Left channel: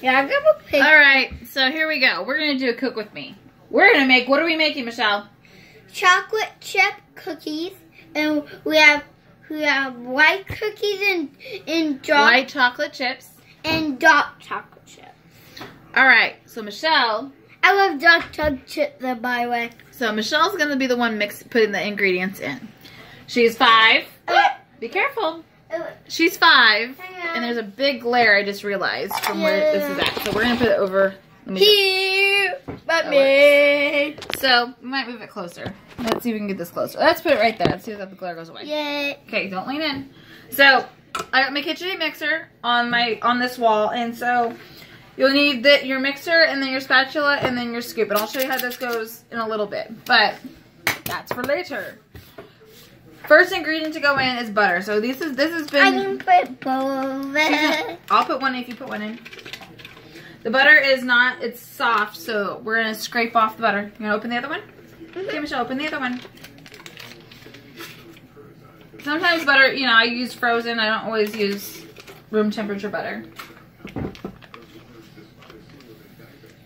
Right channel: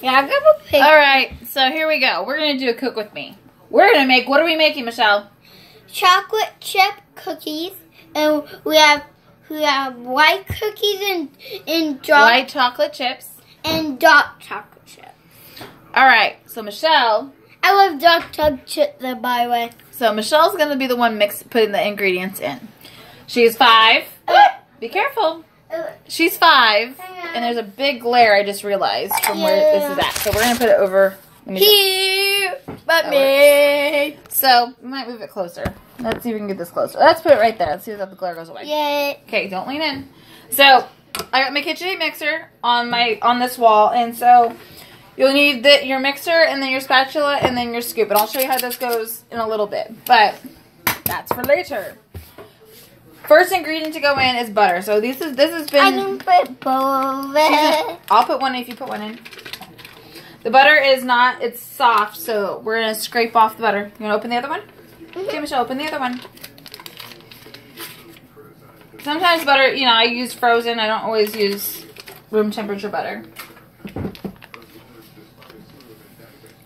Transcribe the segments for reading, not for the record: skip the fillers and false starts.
Yeah, I've got a picture. All right, so here we go. We're gonna do a cook with me. We're gonna make. What are we making, Michelle? Chocolate chip cookies, and we have white cookies and dark White chocolate chips and dark chocolate chip. All right, so Michelle. I love dark chocolate chip, though, by the way. So Michelle's gonna be the one putting the ingredients in. She's 5. Be careful. She's 5, and there's a big glare I just realized from where this is at. So we're gonna put it over. Let me Here, but me. So we might move it closer. Let's see if we can get this closer. Let's put it right there. Let's see if the glare goes away. Yeah. Okay, don't lean in. So I got my KitchenAid mixer on this wall, and so you'll need your mixer and then your spatula and then your scoop. And I'll show you how this goes in a little bit, but that's for later. First ingredient to go in is butter. So this has been. I can put both. I'll put one in if you put one in. The butter is not. It's soft, so we're gonna scrape off the butter. You wanna open the other one? Okay, Michelle, open the other one. Sometimes butter, I use frozen. I don't always use room temperature butter.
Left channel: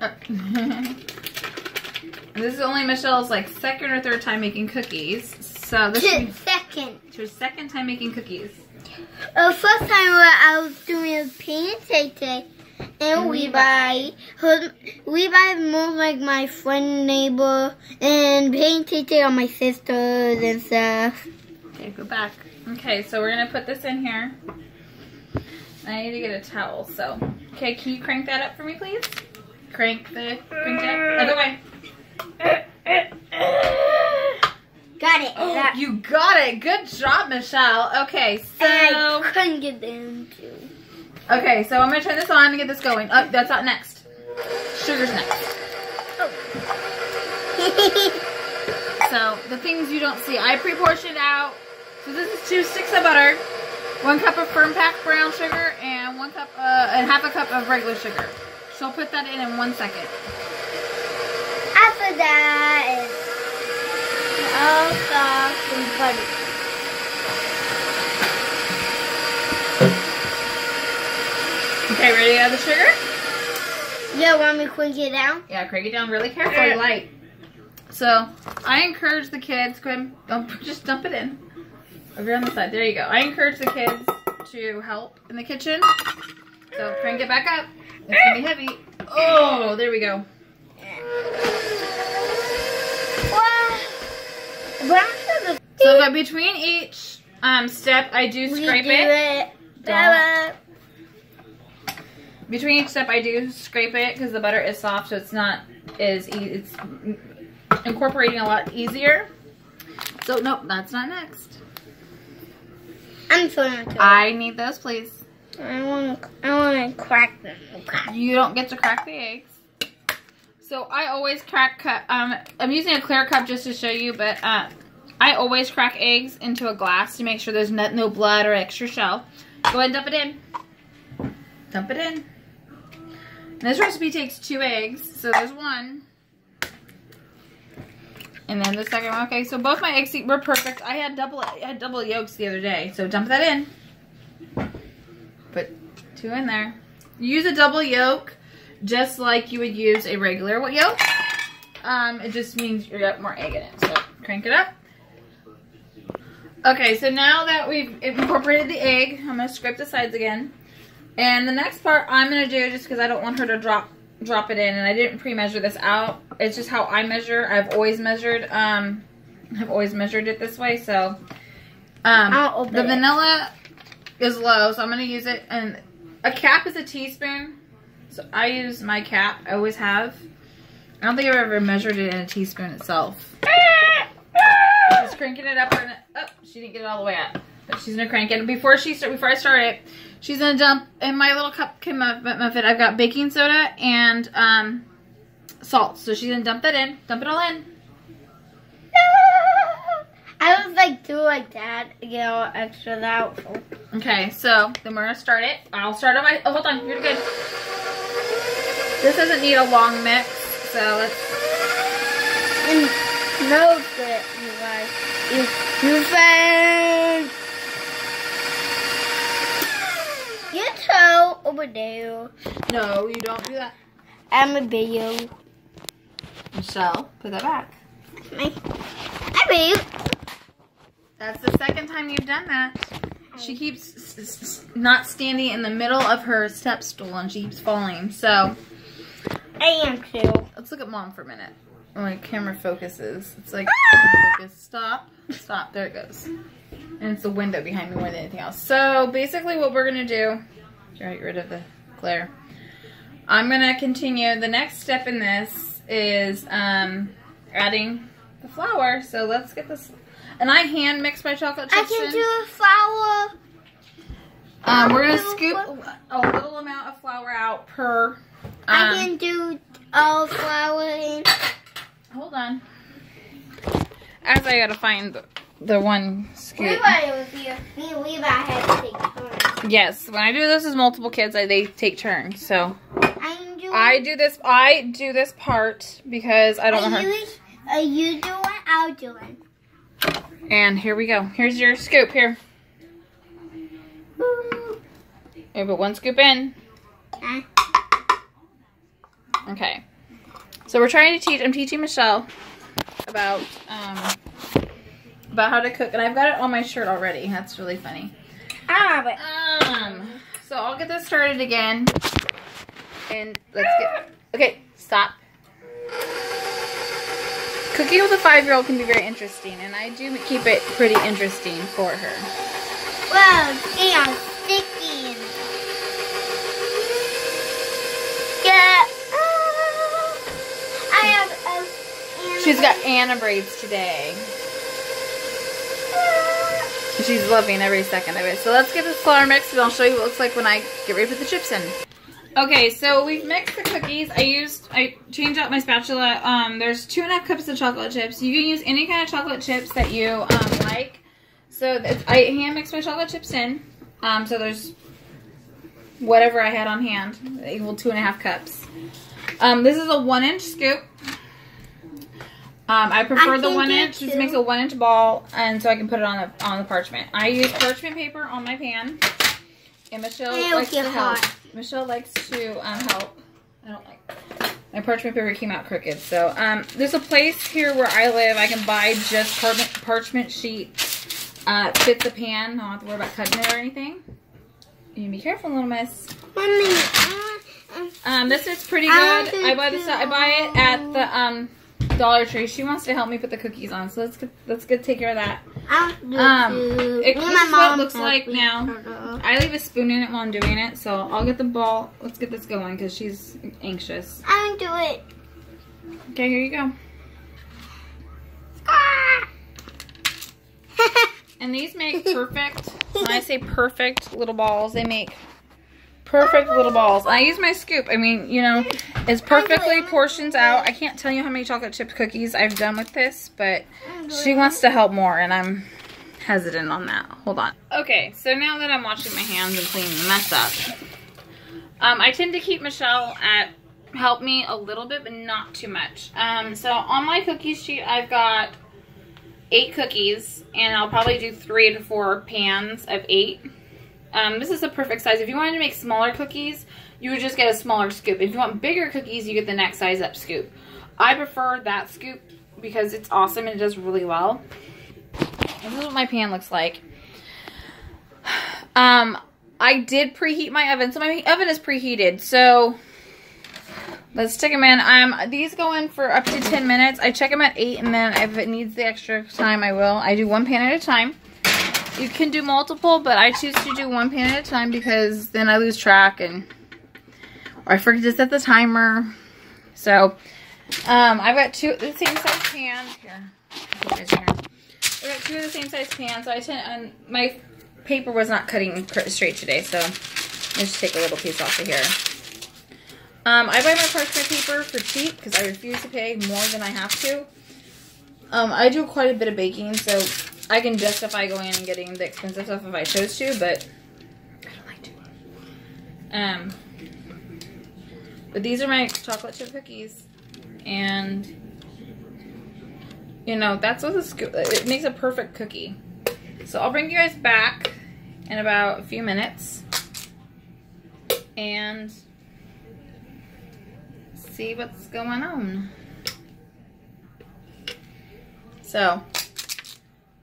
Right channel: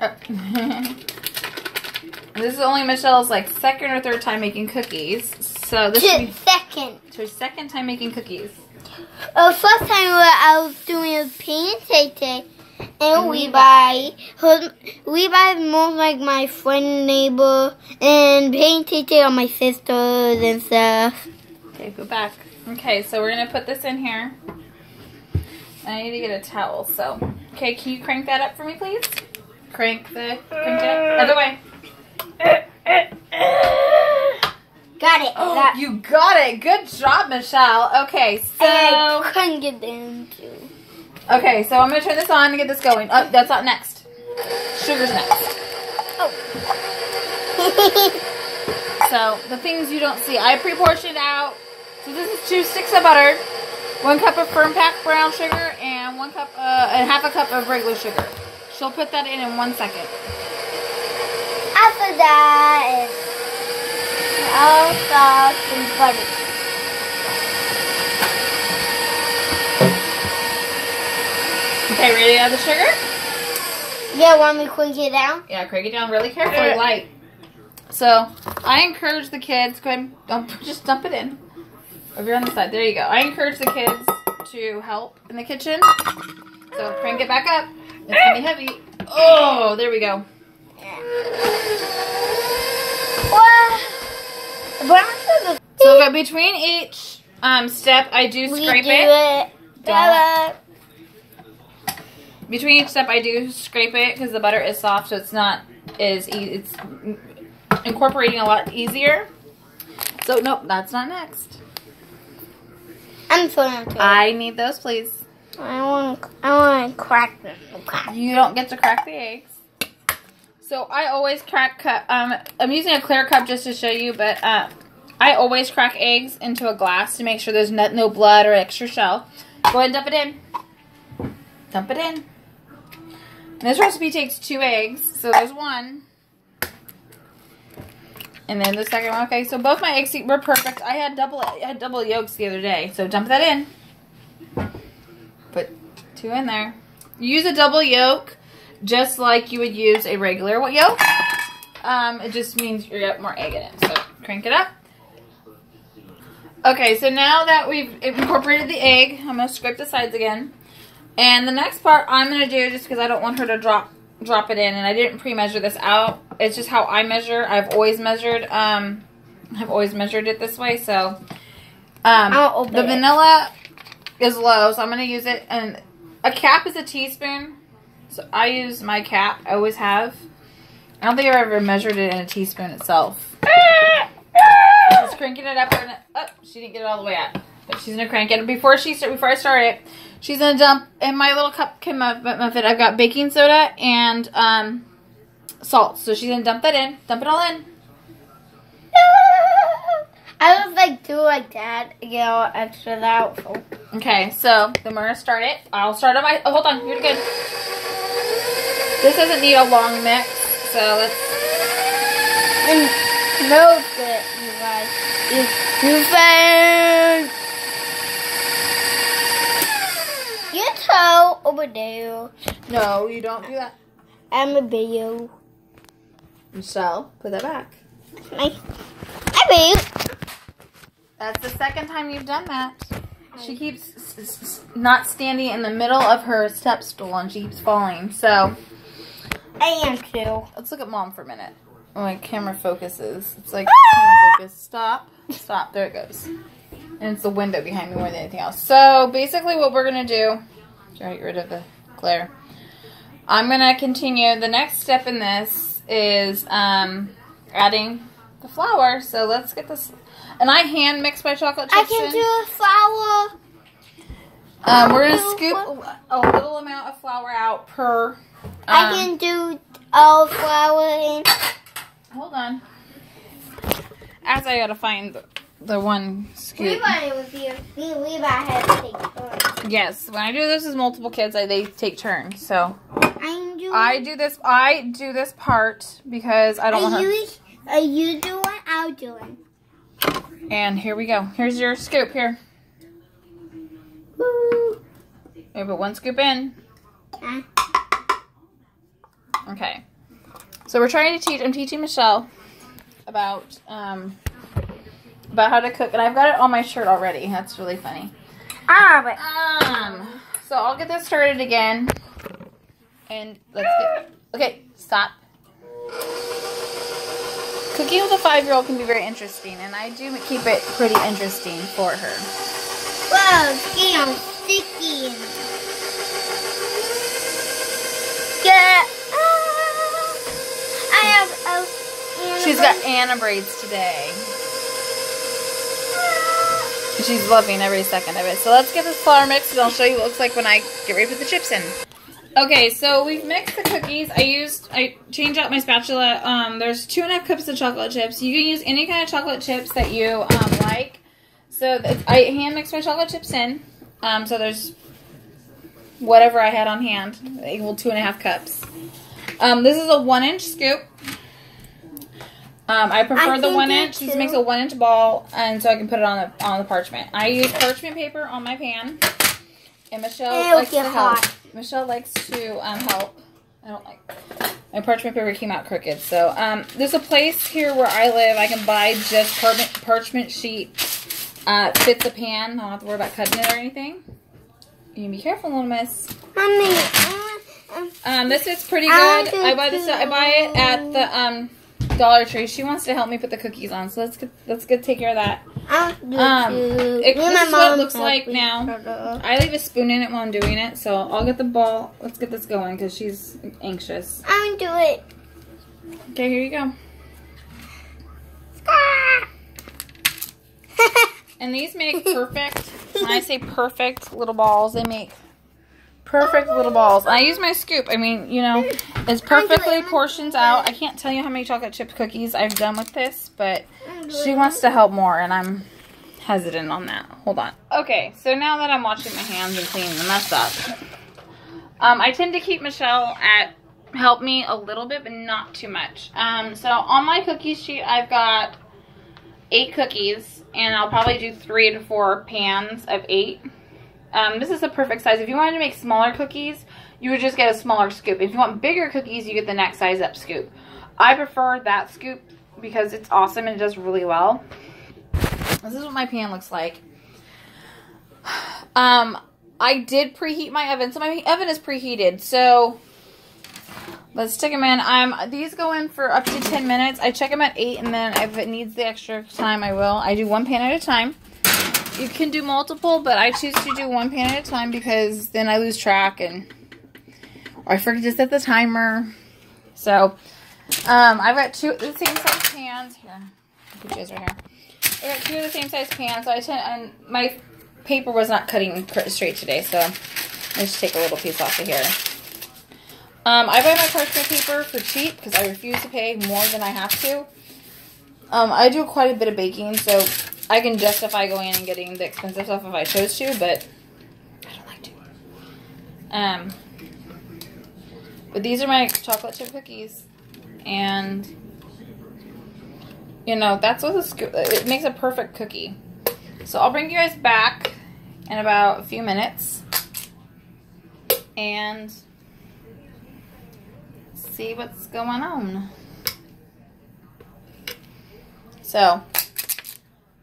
Oh. This is only Michelle's second or third time making cookies. So this is her second time making cookies. First time I was doing a pancake day, and we buy more like my friend, neighbor, and pancake day on my sisters and stuff. Okay, go back. Okay, so we're gonna put this in here. I need to get a towel. So, okay, can you crank that up for me, please? Crank it up. Other way. Got it. Oh, you got it. Good job, Michelle. Okay, so I couldn't get them too. Okay, so I'm gonna turn this on to get this going. Oh, that's not next. Sugar's next. Oh. So the things you don't see, I pre-portioned out. So this is 2 sticks of butter, 1 cup of firm packed brown sugar, and 1 cup and half a cup of regular sugar. She'll put that in 1 second. After that, I'll start some butter. Okay, ready to add the sugar? Yeah, want me to crank it down? Yeah, crank it down really carefully, light. So I encourage the kids. Go ahead, just dump it in. Over on the side. There you go. I encourage the kids to help in the kitchen. So crank it back up. It's gonna be heavy. Oh, there we go. So between each step, I do scrape it. Between each step, I do scrape it because the butter is soft, so it's not as easy. It's incorporating a lot easier. So nope, that's not next. I'm trying to. I need those, please. I want to crack them. Okay. You don't get to crack the eggs. So I always crack. I'm using a clear cup just to show you, but I always crack eggs into a glass to make sure there's no blood or extra shell. Go ahead and dump it in. Dump it in. And this recipe takes 2 eggs, so there's 1. And then the second one. Okay, so both my eggs were perfect. I had double yolks the other day, so dump that in. Put 2 in there. Use a double yolk just like you would use a regular yolk. It just means you got more egg in it. So crank it up. Okay, so now that we've incorporated the egg, I'm going to scrape the sides again. And the next part I'm going to do, just because I don't want her to drop it in, and I didn't pre-measure this out. It's just how I measure. I've always measured it this way. So the vanilla is low, so I'm going to use it. And a cap is a teaspoon. So I use my cap. I always have. I don't think I've ever measured it in a teaspoon itself. Just cranking it up. Oh, she didn't get it all the way up. But she's going to crank it. Before I start it, she's going to dump in my little cupcake muffin. I've got baking soda and salt. So she's going to dump that in. Dump it all in. I was do like that to get all extra out. Okay, so then we're going to start it. I'll start on my... Oh, hold on. You're good. This doesn't need a long mix. So let's... And melt it, you guys. It's too fast. Your toe over there. No, you don't do that. I'm a video. Michelle, put that back. I babe. That's the second time you've done that. She keeps not standing in the middle of her step stool and she keeps falling. So I am too. let's look at Mom for a minute. My camera focuses. It's like focus. Stop. Stop. There it goes. And it's the window behind me more than anything else. So basically what we're gonna do, get rid of the glare. I'm gonna continue. The next step in this is adding the flour. So let's get this. And I hand mix my chocolate chips I can do a flour. We're gonna scoop a little amount of flour out per. I can do all flour in. Hold on. As I gotta find the one scoop. Levi was here. Me and Levi had to take turns. Yes, when I do this with multiple kids, they take turns. So I do this part because I don't want her. Are you doing? I'll do it. And here we go. Here's your scoop. Here. Here, put one scoop in. Okay. So we're trying to teach. I'm teaching Michelle about how to cook, and I've got it on my shirt already. That's really funny. So I'll get this started again, and let's get. Okay, stop. Cooking with a 5-year-old can be very interesting, and I do keep it pretty interesting for her. Wow, damn, sticky. Yeah. I have She's got Anna braids today. She's loving every second of it. So let's get this flour mixed, and I'll show you what it looks like when I get ready to put the chips in. Okay, so we've mixed the cookies. I changed out my spatula. There's 2.5 cups of chocolate chips. You can use any kind of chocolate chips that you like. So I hand mixed my chocolate chips in. So there's whatever I had on hand, equal 2.5 cups. This is a 1-inch scoop. I prefer the 1-inch. This makes a 1-inch ball, and so I can put it on the parchment. I use parchment paper on my pan, and Michelle likes to help. Michelle likes to help. I don't like my parchment paper came out crooked. So there's a place here where I live. I can buy just parchment sheet. Fits the pan. I don't have to worry about cutting it or anything. You can be careful, little miss. Mommy, this is pretty good. I buy it at the Dollar Tree. She wants to help me put the cookies on, so let's get take care of that. This is what it looks like now. I leave a spoon in it while I'm doing it, so I'll get the ball. Let's get this going because she's anxious. I'll do it. Okay, here you go. And these make perfect. When I say perfect little balls, they make perfect little balls. I use my scoop. I mean, you know, it's perfectly portions out. I can't tell you how many chocolate chip cookies I've done with this, but she wants to help more, and I'm hesitant on that. Hold on. Okay, so now that I'm washing my hands and cleaning the mess up, I tend to keep Michelle at help me a little bit, but not too much. So on my cookie sheet, I've got 8 cookies, and I'll probably do 3 to 4 pans of 8. This is the perfect size. If you wanted to make smaller cookies, you would just get a smaller scoop. If you want bigger cookies, you get the next size up scoop. I prefer that scoop because it's awesome and it does really well. This is what my pan looks like. I did preheat my oven, so my oven is preheated. So let's stick them in. These go in for up to 10 minutes. I check them at 8, and then if it needs the extra time, I will. I do 1 pan at a time. You can do multiple, but I choose to do 1 pan at a time because then I lose track or I forget to set the timer. So I've got 2 of the same size pans. Here, I've got 2 of the same size pans. So and my paper was not cutting straight today, so let's just take a little piece off of here. I buy my parchment paper for cheap because I refuse to pay more than I have to. I do quite a bit of baking, so I can justify going in and getting the expensive stuff if I chose to, but I don't like to. But these are my chocolate chip cookies, and you know, that's what it makes a perfect cookie. So I'll bring you guys back in about a few minutes. and see what's going on. So,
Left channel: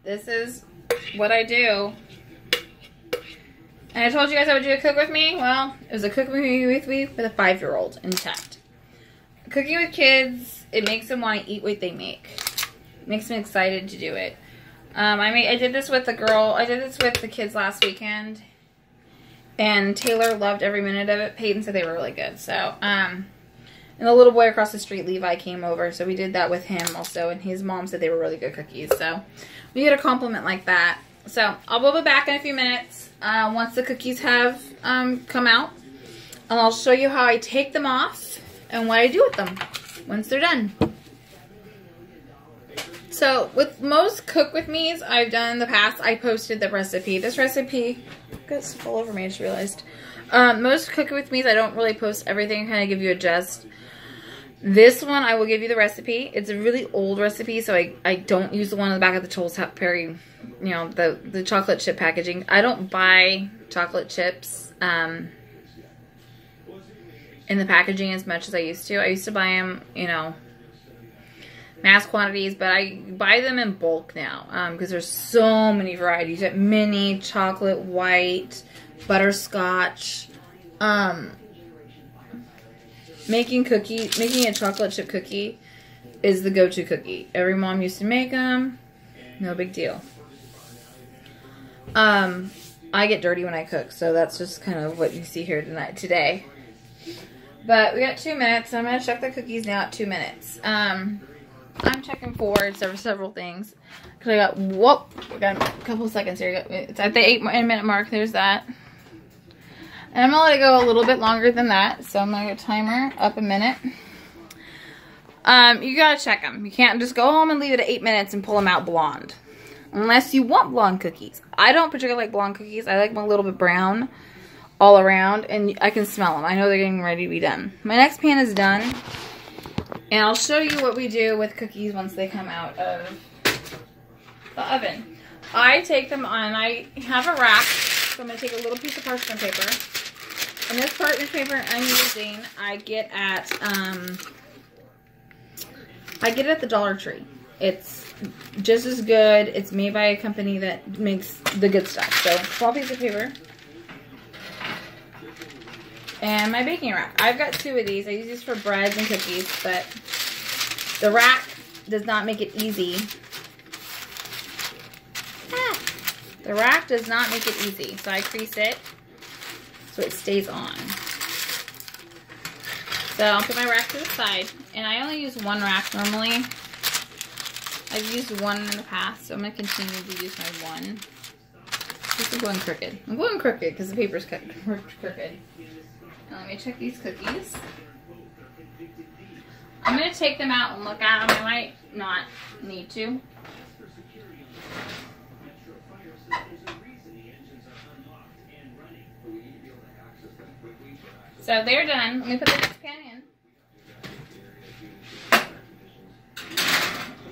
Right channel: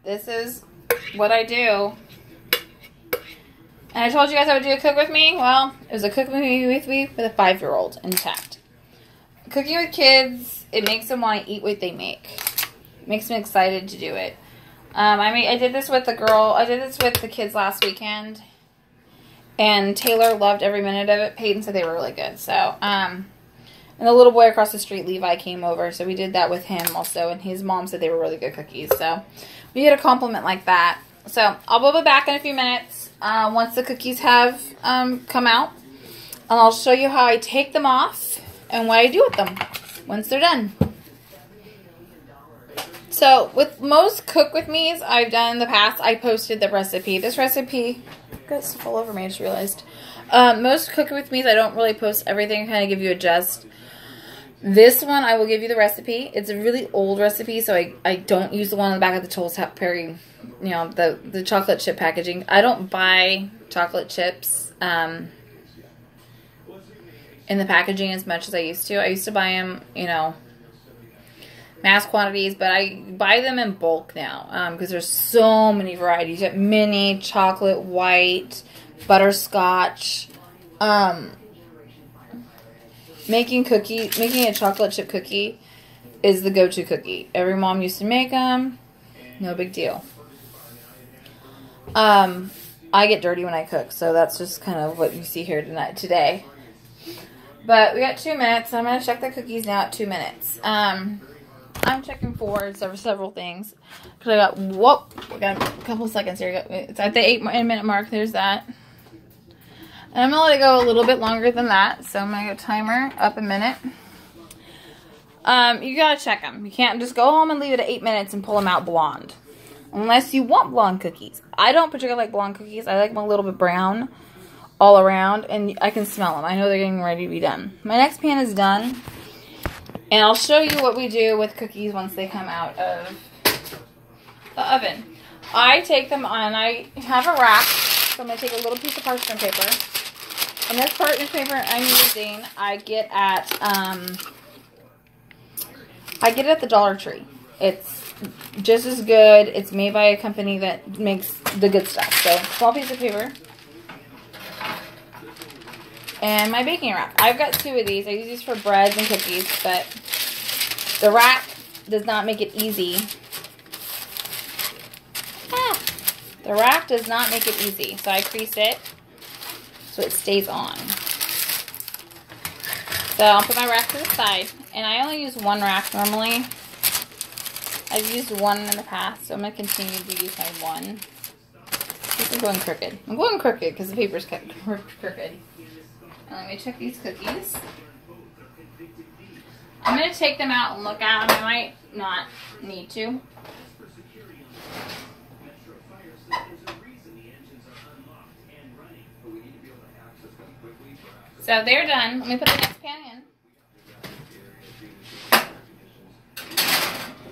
this is what I do. And I told you guys I would do a cook with me. Well, it was a cook with me with a 5-year-old intact. Cooking with kids, it makes them want to eat what they make. It makes them excited to do it. I did this with the girl. I did this with the kids last weekend. And Taylor loved every minute of it. Peyton said they were really good. So, and the little boy across the street, Levi, came over. So we did that with him also. And his mom said they were really good cookies. So we get a compliment like that. So I'll be back in a few minutes once the cookies have come out. And I'll show you how I take them off and what I do with them once they're done. So with most cook with me's I've done in the past, I posted the recipe. This recipe got stuff all over me, I just realized. Most cook with me's I don't really post everything, kind of give you a gist. This one I will give you the recipe. It's a really old recipe, so I don't use the one on the back of the Toll Perry, you know, the chocolate chip packaging. I don't buy chocolate chips in the packaging as much as I used to. I used to buy them, you know, mass quantities, but I buy them in bulk now because there's so many varieties. You have mini, chocolate, white, butterscotch. Making a chocolate chip cookie is the go-to cookie. Every mom used to make them. No big deal. I get dirty when I cook, so that's just kind of what you see here today. But we got 2 minutes. I'm going to check the cookies now at 2 minutes. I'm checking for several things. Because we got a couple of seconds here. It's at the 8-minute mark. There's that. And I'm going to let it go a little bit longer than that. So I'm going to go timer up a minute. You got to check them. You can't just go home and leave it at 8 minutes and pull them out blonde. Unless you want blonde cookies. I don't particularly like blonde cookies. I like them a little bit brown all around. And I can smell them. I know they're getting ready to be done. My next pan is done. And I'll show you what we do with cookies once they come out of the oven. I take them on. I have a rack. So I'm going to take a little piece of parchment paper. And this parchment paper I'm using, I get at the Dollar Tree. It's just as good. It's made by a company that makes the good stuff. So, small piece of paper. And my baking rack. I've got 2 of these. I use these for breads and cookies, but the rack does not make it easy. The rack does not make it easy. So I crease it so it stays on. So I'll put my rack to the side. And I only use 1 rack normally. I've used 1 in the past, so I'm going to continue to use my 1. This is going crooked. I'm going crooked because the paper's crooked. And let me check these cookies. I'm going to take them out and look at them. I might not need to. So they're done. Let me put the next pan in.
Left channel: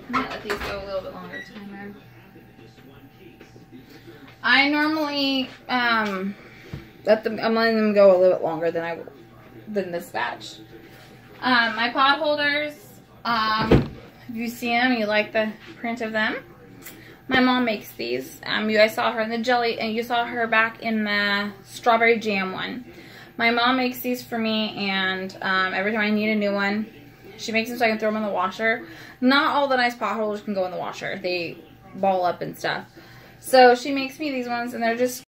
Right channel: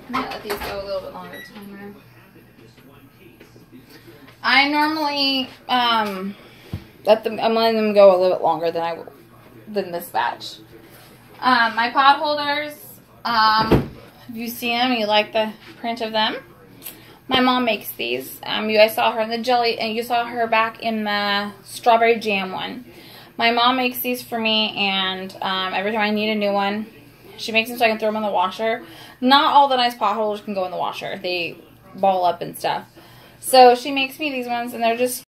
I'm going to let these go a little bit longer. Timer. I normally I'm letting them go a little bit longer than this batch. My pot holders, if you see them, you like the print of them. My mom makes these. You guys saw her in the jelly, and you saw her back in the strawberry jam one. My mom makes these for me, and every time I need a new one, she makes them so I can throw them in the washer. Not all the nice pot holders can go in the washer. They ball up and stuff. So she makes me these ones, and they're just